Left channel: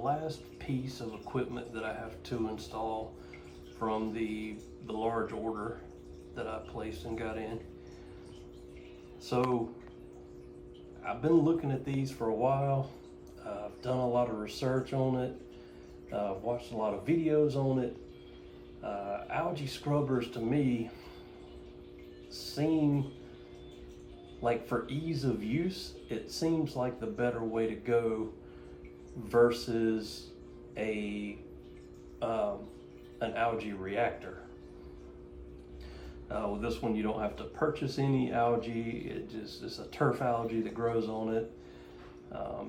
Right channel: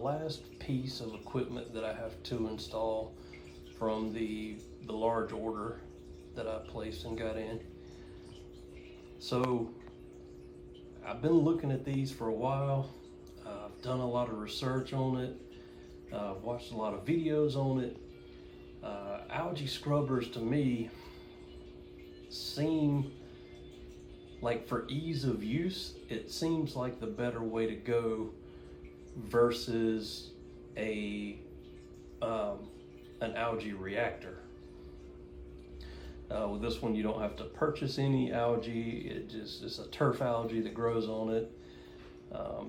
last piece of equipment that I have to install from the large order that I placed and got in. So I've been looking at these for a while. I've done a lot of research on it. I've watched a lot of videos on it. Algae scrubbers to me seem like, for ease of use, it seems like the better way to go versus an algae reactor. With this one, you don't have to purchase any algae. It's a turf algae that grows on it.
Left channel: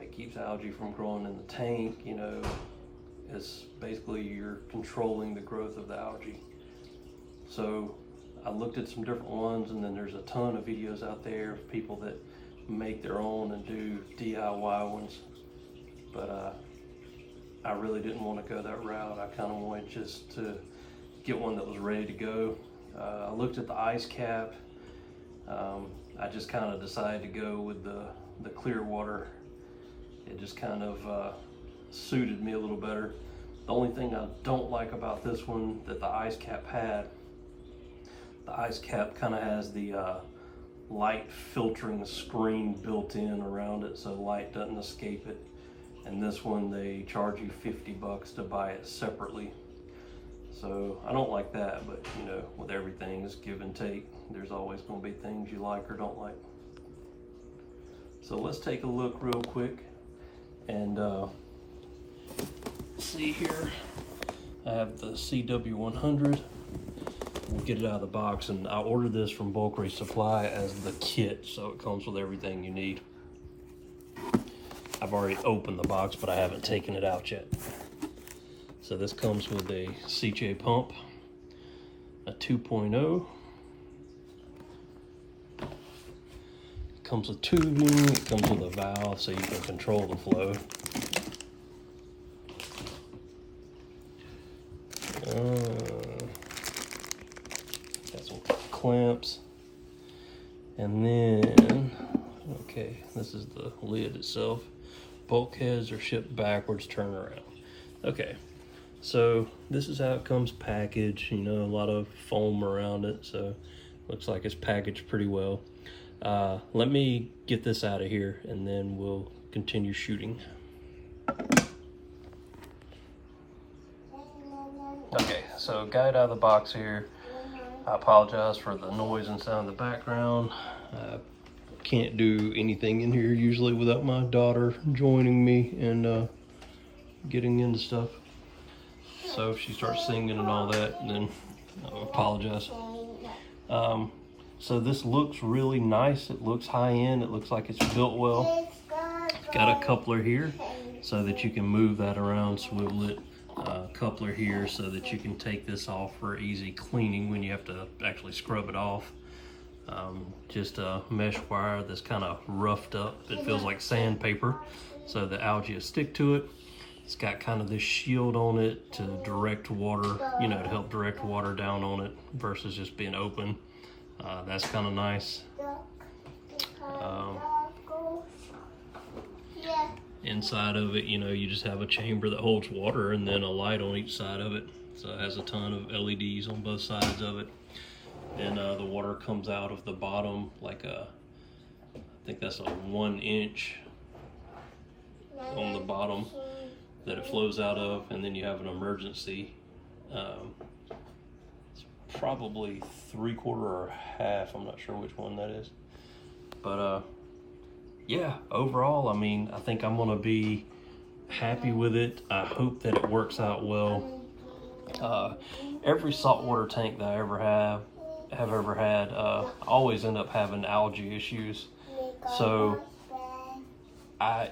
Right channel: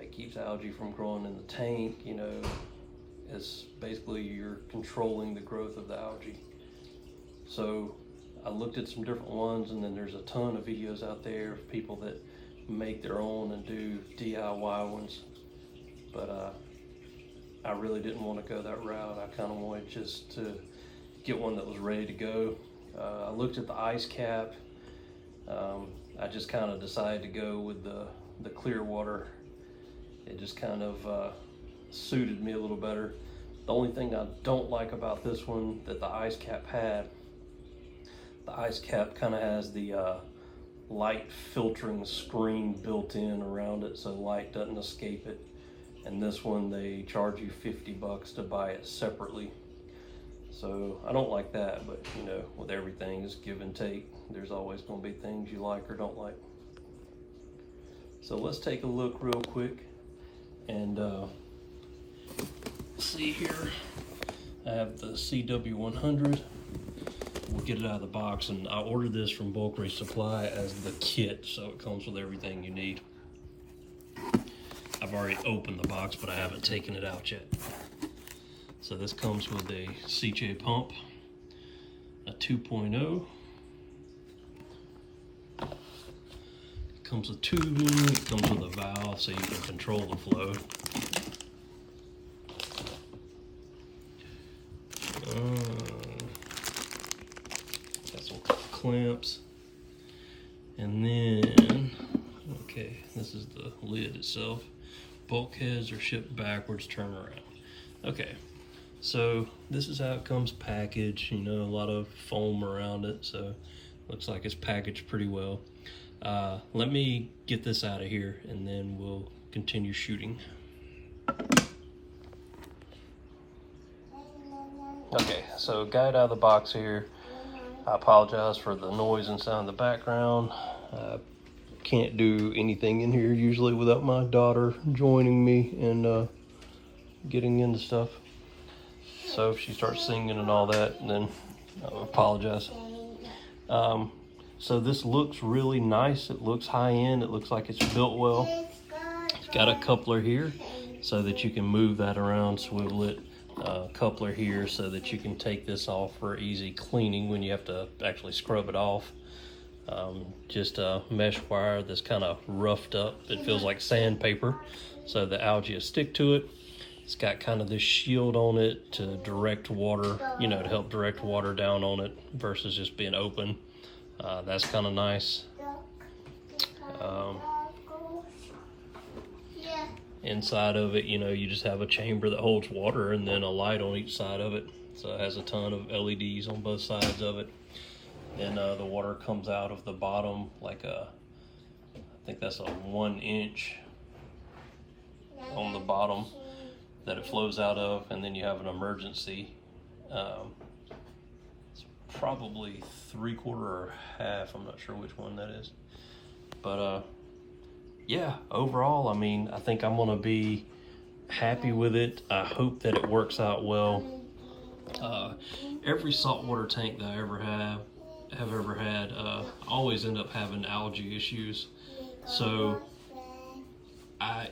It keeps algae from growing in the tank. You know, it's basically you're controlling the growth of the algae. So I looked at some different ones, and then there's a ton of videos out there of people that make their own and do DIY ones. But I really didn't want to go that route. I kind of wanted just to get one that was ready to go. I looked at the ice cap. I just kind of decided to go with the ClearWater. It just kind of suited me a little better. The only thing I don't like about this one that the ice cap had, the ice cap kind of has the light filtering screen built in around it, so light doesn't escape it. And this one, they charge you $50 to buy it separately. So I don't like that, but you know, with everything, it's give and take. There's always going to be things you like or don't like. So let's take a look real quick and see here. I have the CW100. We'll get it out of the box, and I ordered this from Bulk Supply as the kit, so it comes with everything you need. I've already opened the box, but I haven't taken it out yet. So this comes with a CJ pump, a 2.0. It comes with tubing, it comes with a valve so you can control the flow. Got some clamps. And then, okay, this is the lid itself. Bulkheads are shipped backwards, turn around. Okay, so this is how it comes packaged. You know, a lot of foam around it, so looks like it's packaged pretty well. Let me get this out of here and then we'll continue shooting. Okay, so got it out of the box here. I apologize for the noise and sound in the background. Can't do anything in here usually without my daughter joining me and getting into stuff. So if she starts singing and all that, then I apologize. So this looks really nice. It looks high end. It looks like it's built well. It's got a coupler here so that you can move that around, swivel it. Coupler here so that you can take this off for easy cleaning when you have to actually scrub it off. Just a mesh wire that's kind of roughed up. It feels like sandpaper, so the algae will stick to it. It's got kind of this shield on it to direct water, you know, to help direct water down on it versus just being open. That's kind of nice. Inside of it, you know, you just have a chamber that holds water and then a light on each side of it. So it has a ton of LEDs on both sides of it. And the water comes out of the bottom like I think that's a 1 inch on the bottom that it flows out of, and then you have an emergency. It's probably 3/4 or half, I'm not sure which one that is. But yeah, overall, I mean, I think I'm gonna be happy with it. I hope that it works out well. Every saltwater tank that I have ever had, always end up having algae issues. So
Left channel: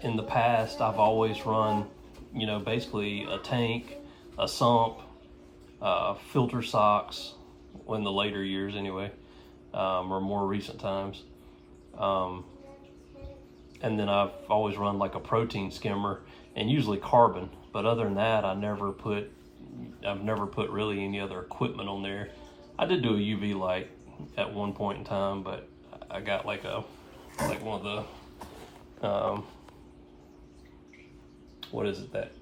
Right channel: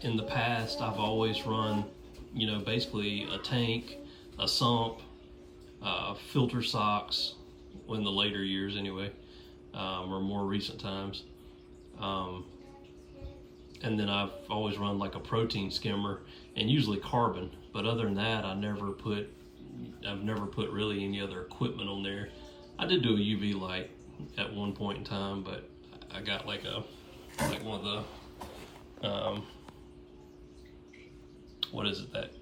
in the past, I've always run, you know, basically a tank, a sump, filter socks, in the later years anyway, or more recent times. And then I've always run like a protein skimmer and usually carbon. But other than that, I've never put really any other equipment on there. I did do a UV light at one point in time, but I got like one of the, what is it, that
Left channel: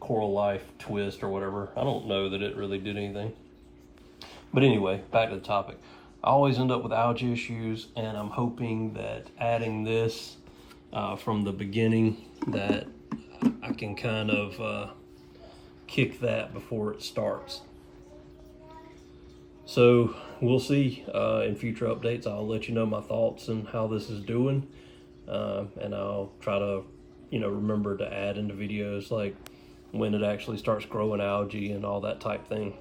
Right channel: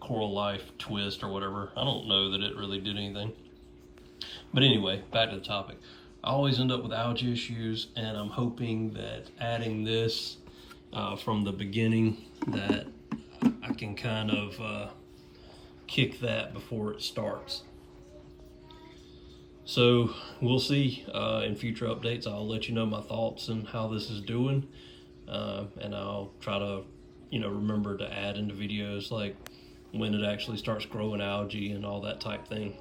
Coral Life twist or whatever. I don't know that it really did anything. But anyway, back to the topic. I always end up with algae issues, and I'm hoping that adding this from the beginning, that I can kind of kick that before it starts. So we'll see in future updates. I'll let you know my thoughts and how this is doing, and I'll try to, remember to add into videos like when it actually starts growing algae and all that type thing.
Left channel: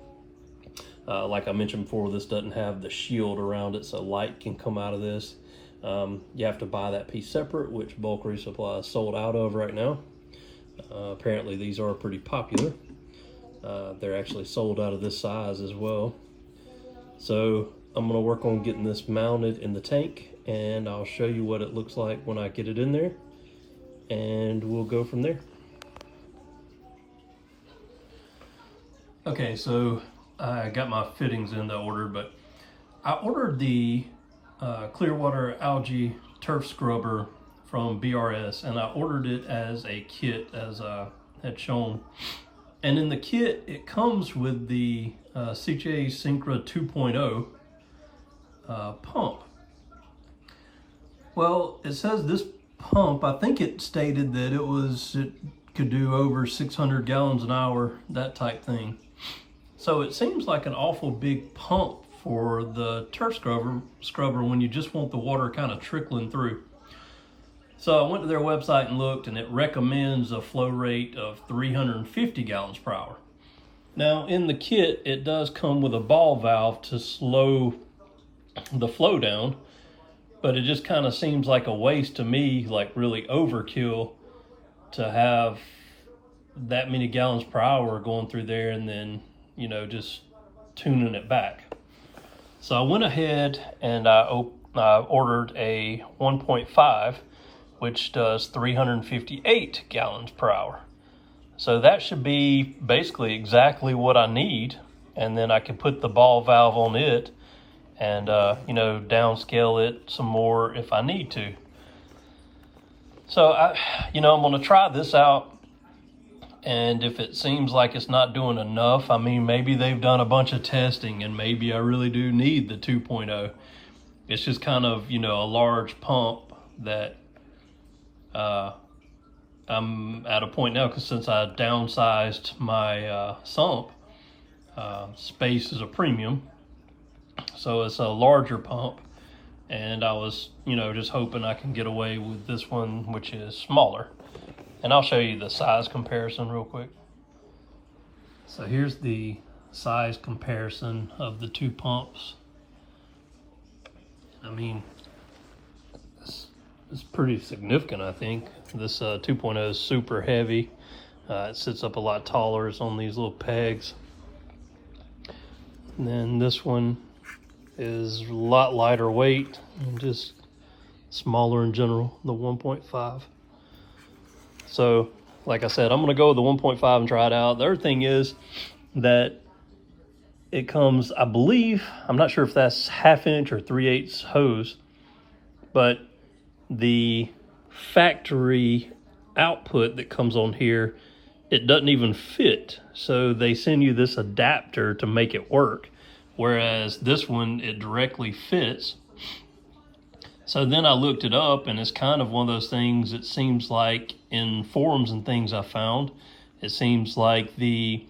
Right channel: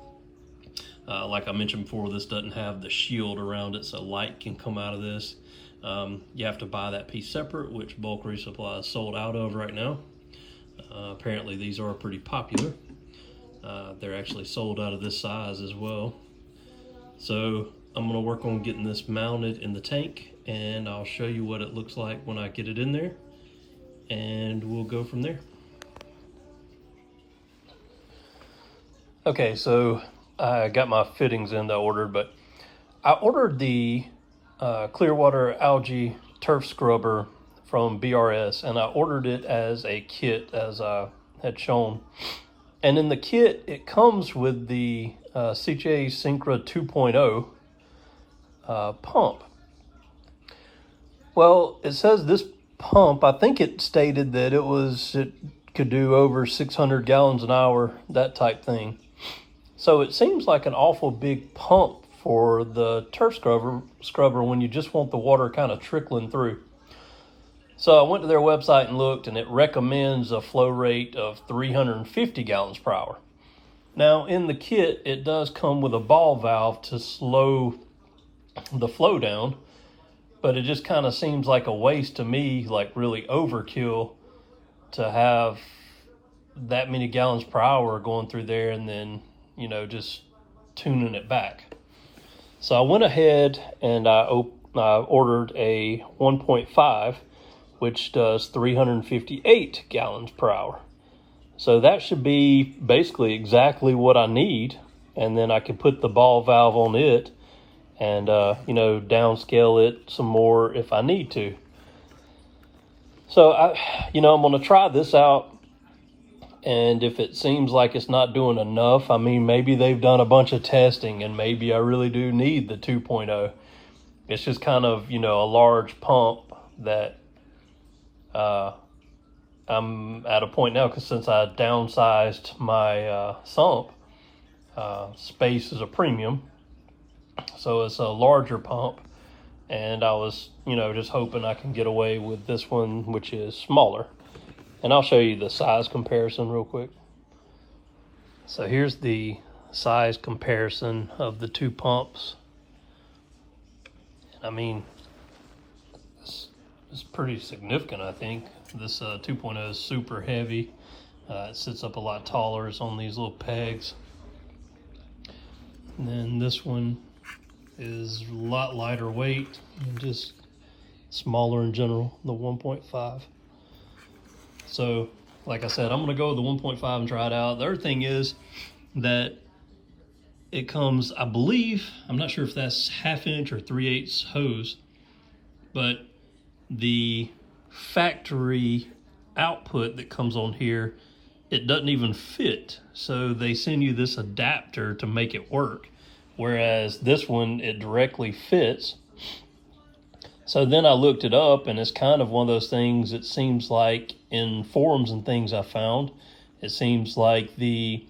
Like I mentioned before, this doesn't have the shield around it, so light can come out of this. You have to buy that piece separate, which Bulk Resupply is sold out of right now. Apparently these are pretty popular. They're actually sold out of this size as well. So I'm gonna work on getting this mounted in the tank, and I'll show you what it looks like when I get it in there, and we'll go from there. Okay, so I got my fittings in that I ordered, but I ordered the ClearWater algae turf scrubber from BRS, and I ordered it as a kit, as I had shown. And in the kit, it comes with the CJ Syncra 2.0 pump. Well, it says this pump, I think it stated that it could do over 600 gallons an hour, that type thing. So it seems like an awful big pump for the turf scrubber when you just want the water kind of trickling through. So I went to their website and looked, and it recommends a flow rate of 350 gallons per hour. Now in the kit, it does come with a ball valve to slow the flow down, but it just kind of seems like a waste to me, like really overkill, to have that many gallons per hour going through there and then, just tuning it back. So I went ahead and I ordered a 1.5, which does 358 gallons per hour. So that should be basically exactly what I need. And then I can put the ball valve on it and, downscale it some more if I need to. So I'm gonna try this out. And if it seems like it's not doing enough, I mean, maybe they've done a bunch of testing and maybe I really do need the 2.0. It's just kind of, a large pump that I'm at a point now, because since I downsized my sump, space is a premium. So it's a larger pump. And I was, just hoping I can get away with this one, which is smaller. And I'll show you the size comparison real quick. So here's the size comparison of the two pumps. I mean, it's pretty significant, I think. This 2.0 is super heavy. It sits up a lot taller. It's on these little pegs. And then this one is a lot lighter weight and just smaller in general, the 1.5. So, like I said, I'm gonna go with the 1.5 and try it out. The other thing is that it comes, I believe, I'm not sure if that's 1/2 inch or 3/8 hose, but the factory output that comes on here, it doesn't even fit. So they send you this adapter to make it work. Whereas this one, it directly fits. So then I looked it up, and it's kind of one of those things, it seems like in forums and things I found, it seems like the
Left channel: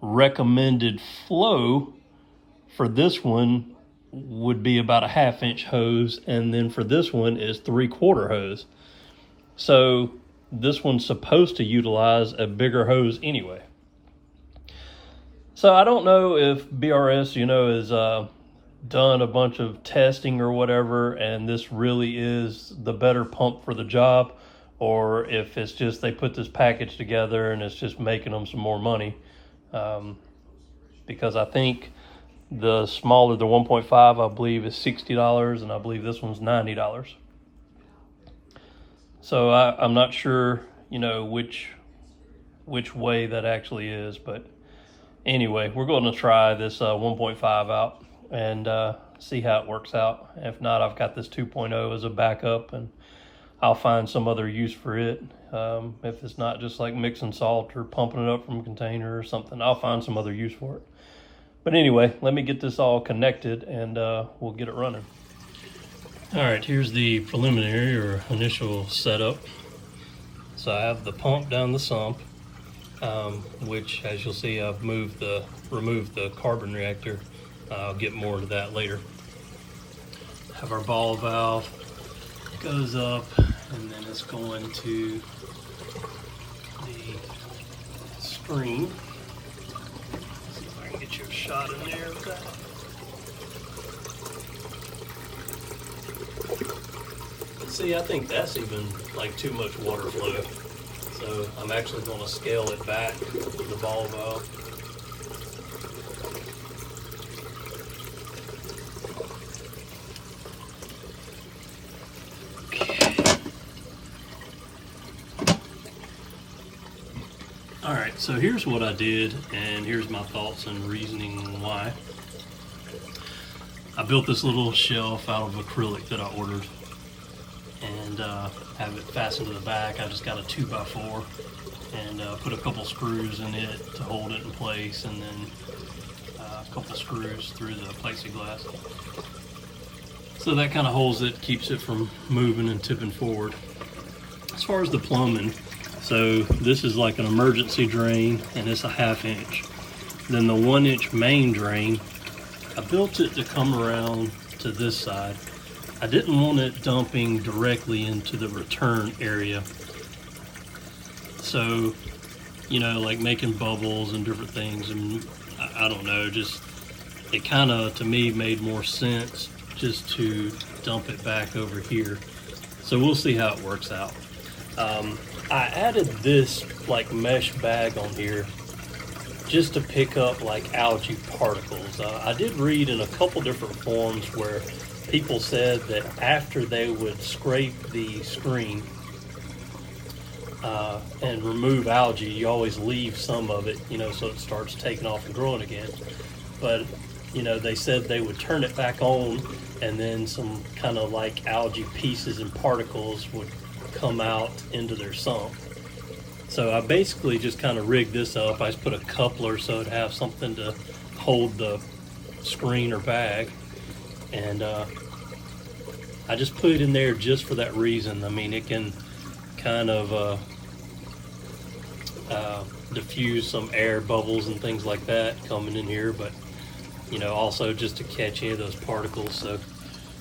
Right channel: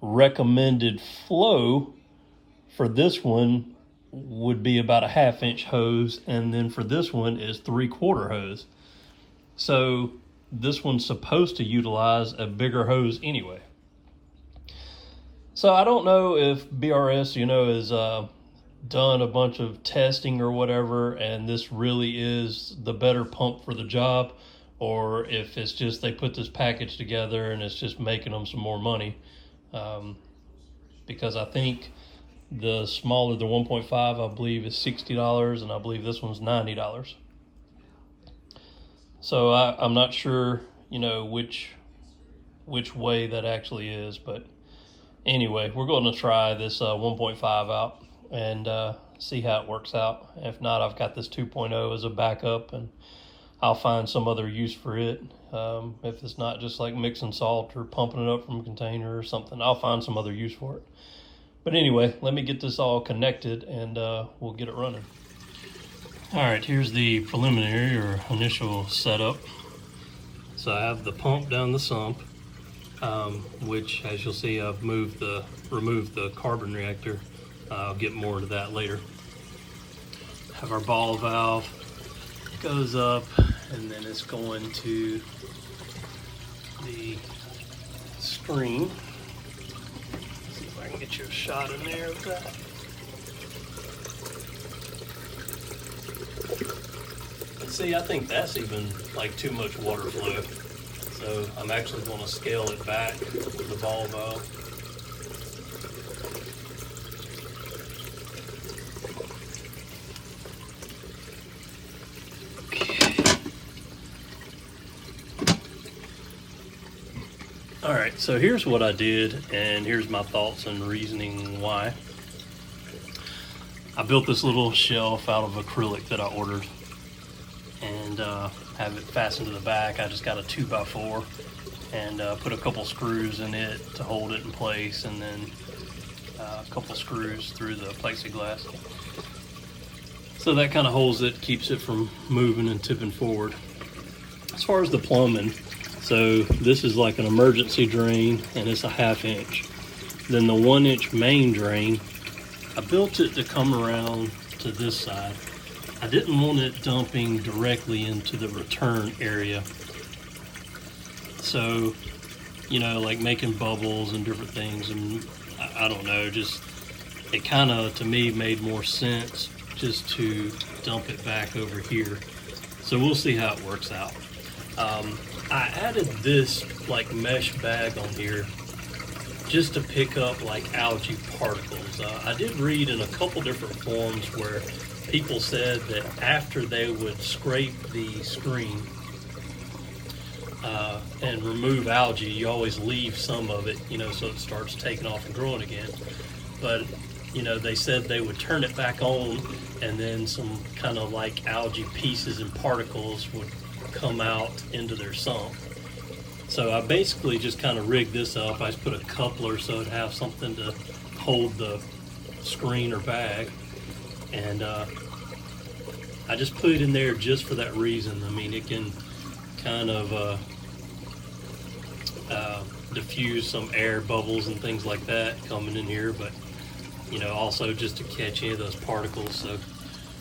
recommended flow for this one would be about a 1/2 inch hose, and then for this one is 3/4 hose. So this one's supposed to utilize a bigger hose anyway. So I don't know if BRS, has done a bunch of testing or whatever, and this really is the better pump for the job, or if it's just they put this package together and it's just making them some more money. Because I think the smaller, the 1.5, I believe is $60, and I believe this one's $90. So I'm not sure, which way that actually is, but anyway, we're going to try this 1.5 out and see how it works out. If not, I've got this 2.0 as a backup, and I'll find some other use for it. If it's not just like mixing salt or pumping it up from a container or something, I'll find some other use for it. But anyway, let me get this all connected and we'll get it running. All right, here's the preliminary or initial setup. So I have the pump down the sump, which, as you'll see, I've removed the carbon reactor. I'll get more to that later. Have our ball valve, goes up, and then it's going to the screen. See if I can get you a shot in there of that. See, I think that's even like too much water flow. So I'm actually going to scale it back with the ball valve. All right, so here's what I did, and here's my thoughts and reasoning why. I built this little shelf out of acrylic that I ordered, and have it fastened to the back. I just got a 2x4 and put a couple screws in it to hold it in place, and then a couple screws through the plexiglass. So that kind of holds it, keeps it from moving and tipping forward. As far as the plumbing, so this is like an emergency drain, and it's a 1/2 inch. Then the 1 inch main drain, I built it to come around to this side. I didn't want it dumping directly into the return area. So, you know, like making bubbles and different things, and I don't know, just it kind of, to me, made more sense just to dump it back over here. So we'll see how it works out. I added this like mesh bag on here just to pick up like algae particles. I did read in a couple different forums where people said that after they would scrape the screen and remove algae, you always leave some of it, you know, so it starts taking off and growing again. But, you know, they said they would turn it back on, and then some kind of like algae pieces and particles would come out into their sump. So I basically just kind of rigged this up. I just put a coupler so it'd have something to hold the screen or bag, and I just put it in there just for that reason. I mean, it can kind of diffuse some air bubbles and things like that coming in here, but you know, also just to catch any of those particles. So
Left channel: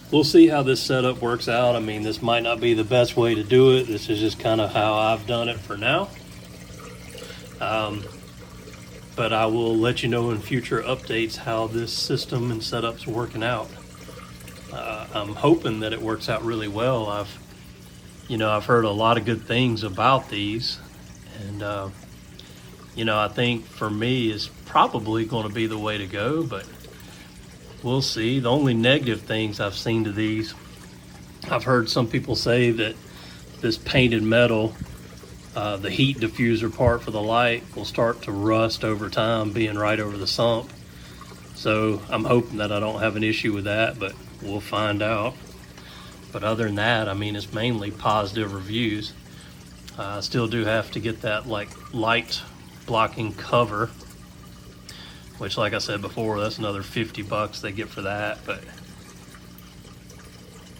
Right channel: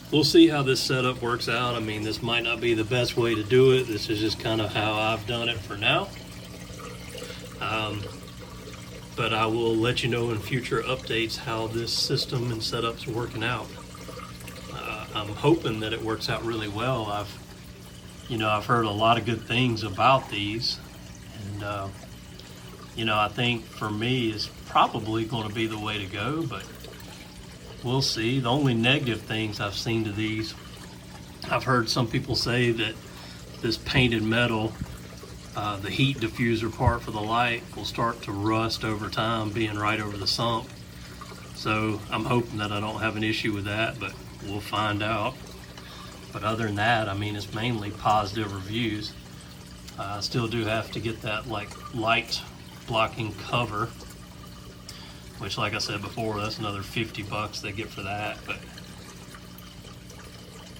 we'll see how this setup works out. I mean, this might not be the best way to do it. This is just kind of how I've done it for now. But I will let you know in future updates how this system and setup's working out. I'm hoping that it works out really well. I've heard a lot of good things about these, and you know, I think for me it's probably going to be the way to go, but we'll see. The only negative things I've seen to these, I've heard some people say that this painted metal, the heat diffuser part for the light, will start to rust over time, being right over the sump. So I'm hoping that I don't have an issue with that, but we'll find out. But other than that, I mean, it's mainly positive reviews. I still do have to get that like light blocking cover, which, like I said before, that's another $50 they get for that, but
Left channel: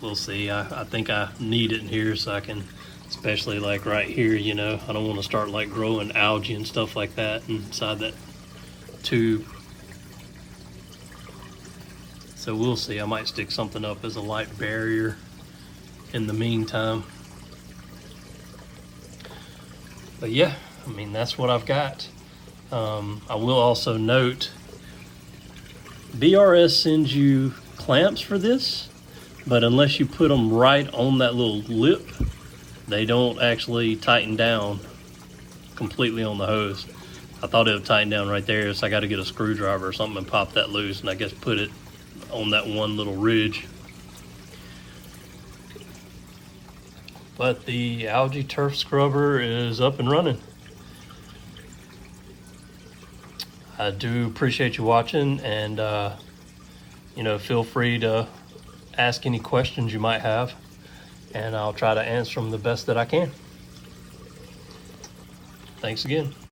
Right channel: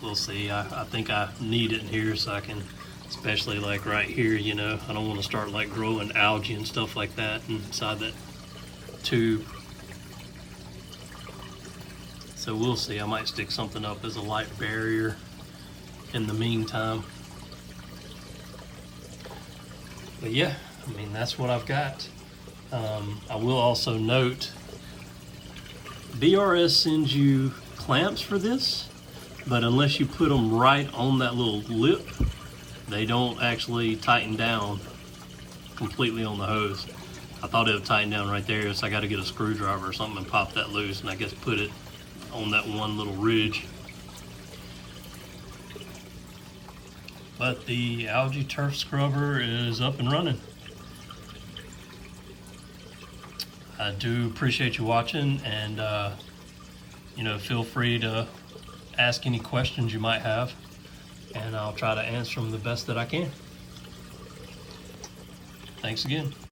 we'll see. I think I need it in here so I can, especially like right here, you know, I don't want to start like growing algae and stuff like that inside that tube. So we'll see. I might stick something up as a light barrier in the meantime. But yeah, I mean, that's what I've got. I will also note, BRS sends you clamps for this, but unless you put them right on that little lip, they don't actually tighten down completely on the hose. I thought it would tighten down right there, so I got to get a screwdriver or something and pop that loose, and I guess put it on that one little ridge. But the algae turf scrubber is up and running. I do appreciate you watching, and you know, feel free to ask any questions you might have, and I'll try to answer them the best that I can. Thanks again.